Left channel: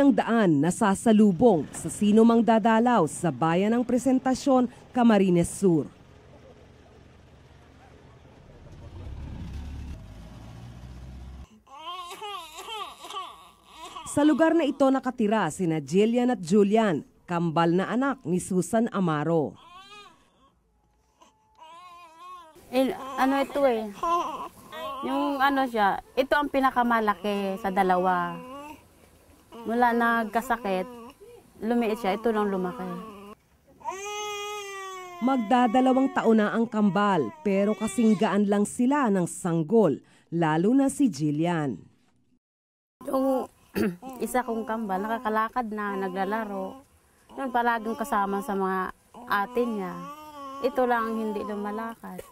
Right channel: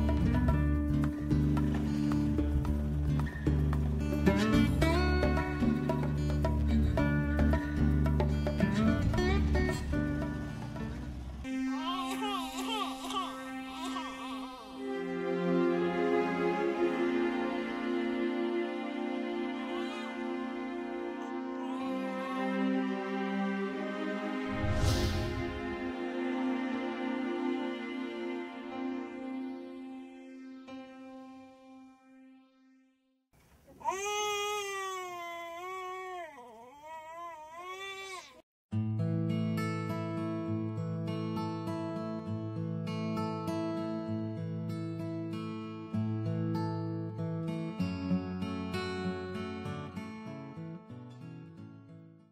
ng daan na sasalubong sa sino mang dadalaw sa bayan ng Presentasyon, Camarines Sur. Sa lugar na ito nakatira sina Jillian at Julian, kambal na anak ni Susan Amaro. Ano ito eh, yung ano siya, ito ang pinakamalaki sa dalawa. Mula nagkasakit, lumiit siya, ito lang lumaki. Magdadalawang taon na ang kambal, pero kasing gaan lang sila ng sanggol, lalo na si Jillian. Yung isa kong kambal, nakakalakad na, naglalaro. Yun, palaging kasama sa mga atin niya. Ito lang ang hindi lumalakad.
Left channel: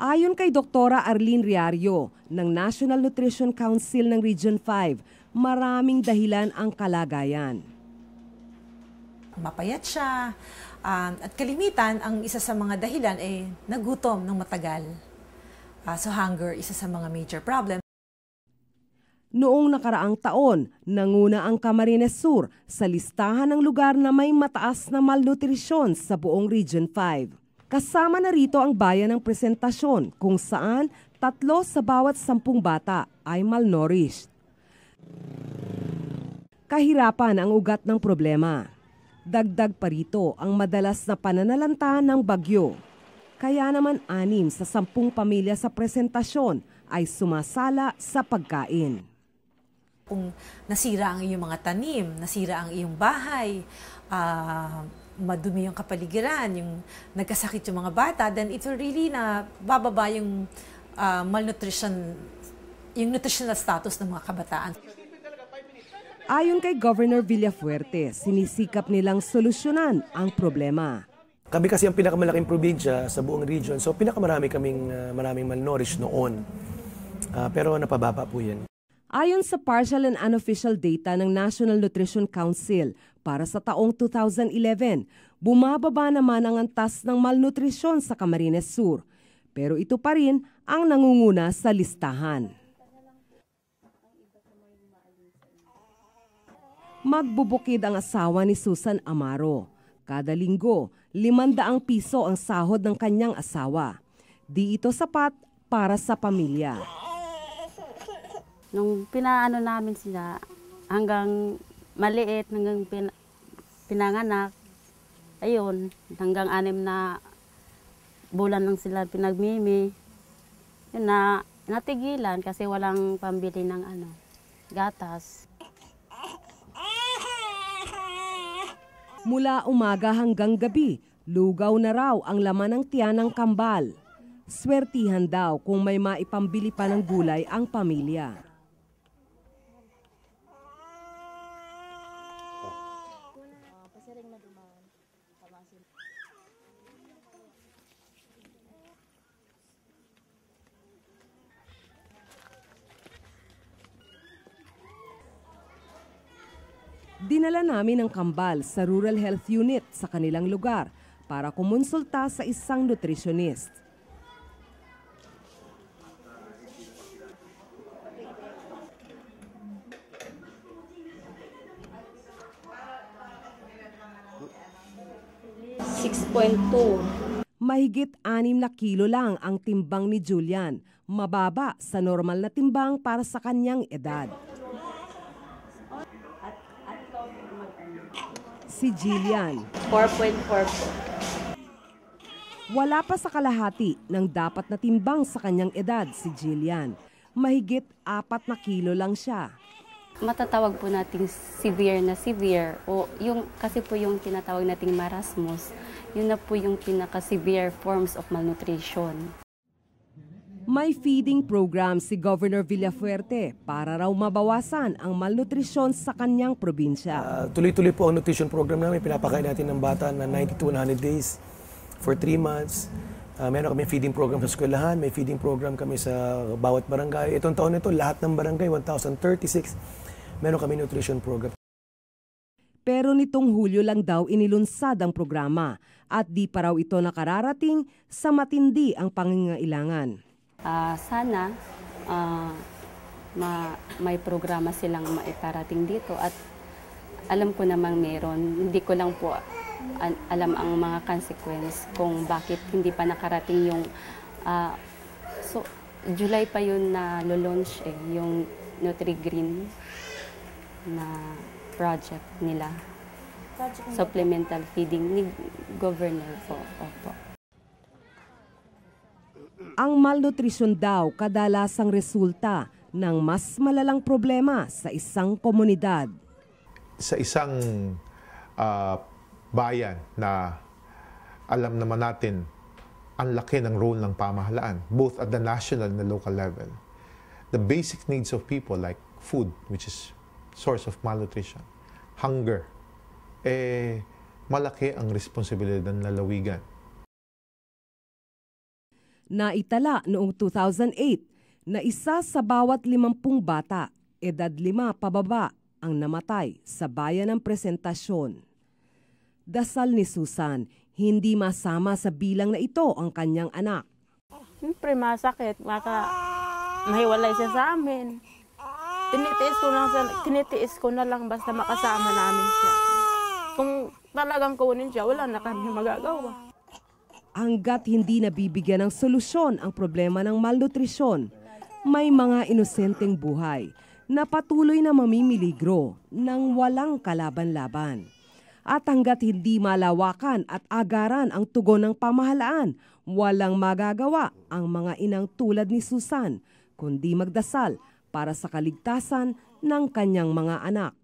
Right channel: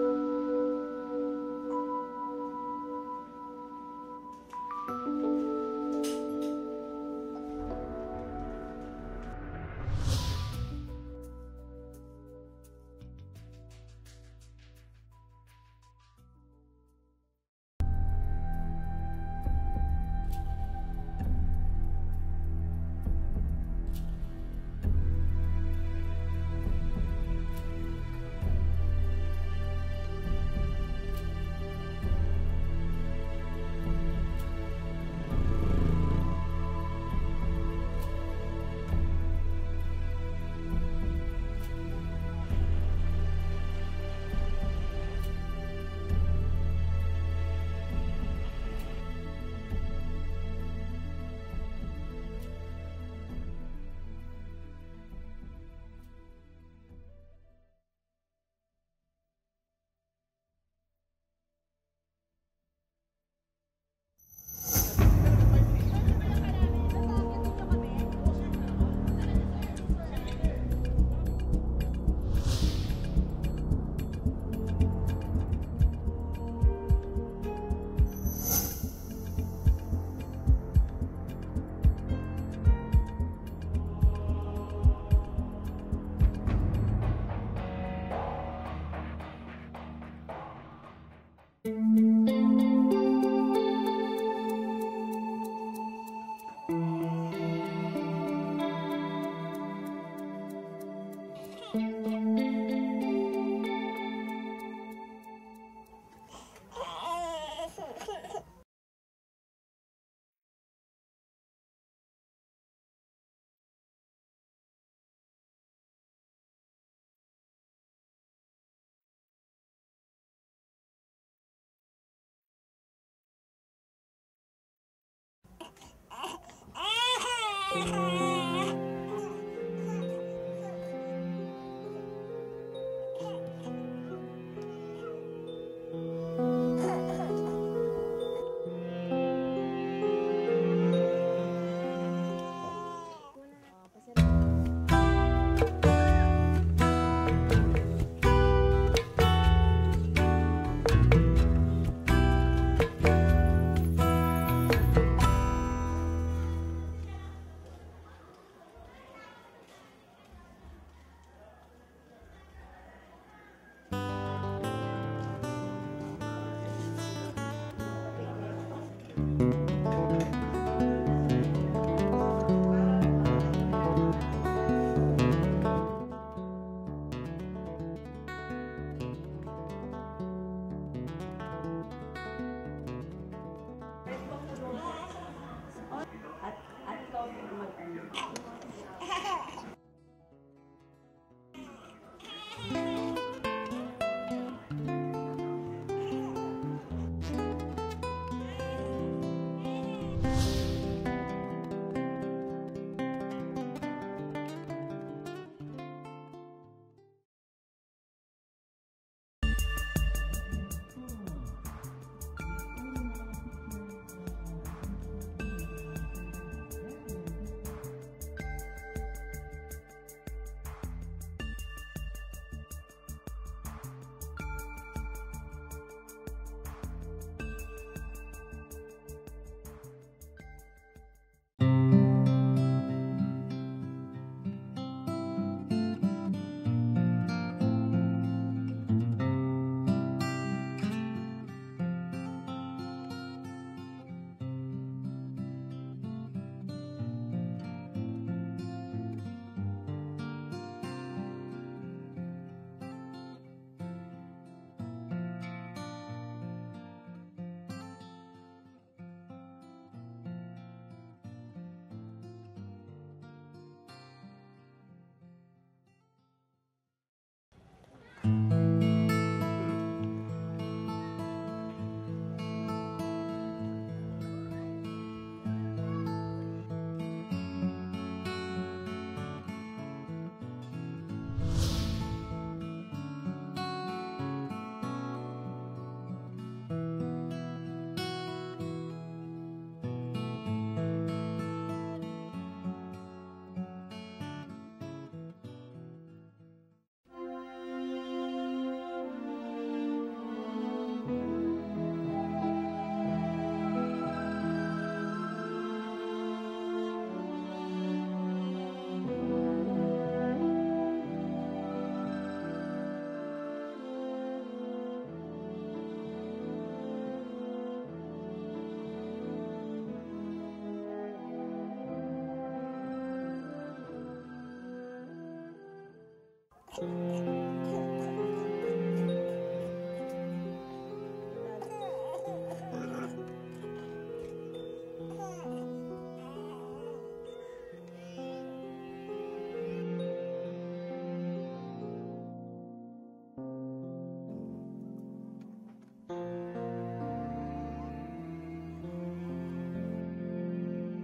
Ayon kay Doktora Arlene Riario ng National Nutrition Council ng Region 5, maraming dahilan ang kalagayan. Mapayat siya, at kalimitan, ang isa sa mga dahilan ay nagutom ng matagal. So hunger, isa sa mga major problem. Noong nakaraang taon, nanguna ang Camarines Sur sa listahan ng lugar na may mataas na malnutrisyon sa buong Region 5. Kasama na rito ang bayan ng Presentasyon kung saan 3 sa bawat 10 bata ay malnourished. Kahirapan ang ugat ng problema. Dagdag pa rito ang madalas na pananalanta ng bagyo. Kaya naman 6 sa 10 pamilya sa Presentasyon ay sumasala sa pagkain. Kung nasira ang iyong mga tanim, nasira ang iyong bahay, madumi yung kapaligiran, yung nagkasakit yung mga bata, then ito really na bababa yung malnutrition, yung nutritional status ng mga kabataan. Ayon kay Governor Villafuerte, sinisikap nilang solusyonan ang problema. Kami kasi ang pinakamalaking probinsya sa buong region, so pinakamarami kaming maraming malnourished noon. Pero napababa po yan. Ayon sa partial and unofficial data ng National Nutrition Council, para sa taong 2011, bumababa naman ang antas ng malnutrisyon sa Camarines Sur. Pero ito pa rin ang nangunguna sa listahan. Magbubukid ang asawa ni Susan Amaro. Kada linggo, 500 piso ang sahod ng kanyang asawa. Di ito sapat para sa pamilya. Nung pinaano namin sila, hanggang maliit, hanggang pinanganak, ayun, hanggang 6 na bulan lang sila pinagmimi. Yun na, natigilan kasi walang pambili ng gatas. Mula umaga hanggang gabi, lugaw na raw ang laman ng tiyan ng kambal. Swertihan daw kung may maipambili pa ng gulay ang pamilya. Dinala namin ang kambal sa Rural Health Unit sa kanilang lugar para kumonsulta sa isang nutritionist. Mahigit 6 na kilo lang ang timbang ni Julian, mababa sa normal na timbang para sa kanyang edad. Si Jillian, 4.4 po. Wala pa sa kalahati ng dapat na timbang sa kanyang edad si Jillian. Mahigit 4 na kilo lang siya. Matatawag po nating severe o yung kasi po yung tinatawag nating marasmus, yun na po yung pinaka-severe forms of malnutrition. May feeding program si Governor Villafuerte para raw mabawasan ang malnutrisyon sa kanyang probinsya. Tuloy-tuloy po ang nutrition program namin. Pinapakain natin ng bata na 90 to 100 days for 3 months. Meron kami feeding program sa eskwelahan, may feeding program kami sa bawat barangay. Itong taon na ito, lahat ng barangay, 1,036, meron kami nutrition program. Pero nitong Hulyo lang daw inilunsad ang programa at di pa raw ito nakararating sa matindi ang pangangailangan. Sana may programa silang maiparating dito at alam ko namang meron. Hindi ko lang po alam ang mga consequence kung bakit hindi pa nakarating yung so July pa yun na launch yung Nutri-Green na project nila. Supplemental feeding ni Governor po. Opo. Ang malnutrisyon daw kadalasang resulta ng mas malalang problema sa isang komunidad. Sa isang bayan na alam naman natin ang laki ng role ng pamahalaan, both at the national and the local level. The basic needs of people like food, which is source of malnutrition, hunger, malaki ang responsibilidad ng lalawigan. Naitala noong 2008 na isa sa bawat 50 bata, edad 5 pababa, ang namatay sa bayan ng Presentasyon. Dasal ni Susan, hindi masama sa bilang na ito ang kanyang anak. Siyempre masakit, mahiwalay siya sa amin. Tinitiis ko na lang basta makasama namin siya. Kung talagang kunin siya, wala na kami magagawa. Hanggat hindi nabibigyan ng solusyon ang problema ng malnutrisyon, may mga inosenteng buhay na patuloy na mamimiligro ng walang kalaban-laban. At hanggat hindi malawakan at agaran ang tugon ng pamahalaan, walang magagawa ang mga inang tulad ni Susan, kundi magdasal para sa kaligtasan ng kanyang mga anak.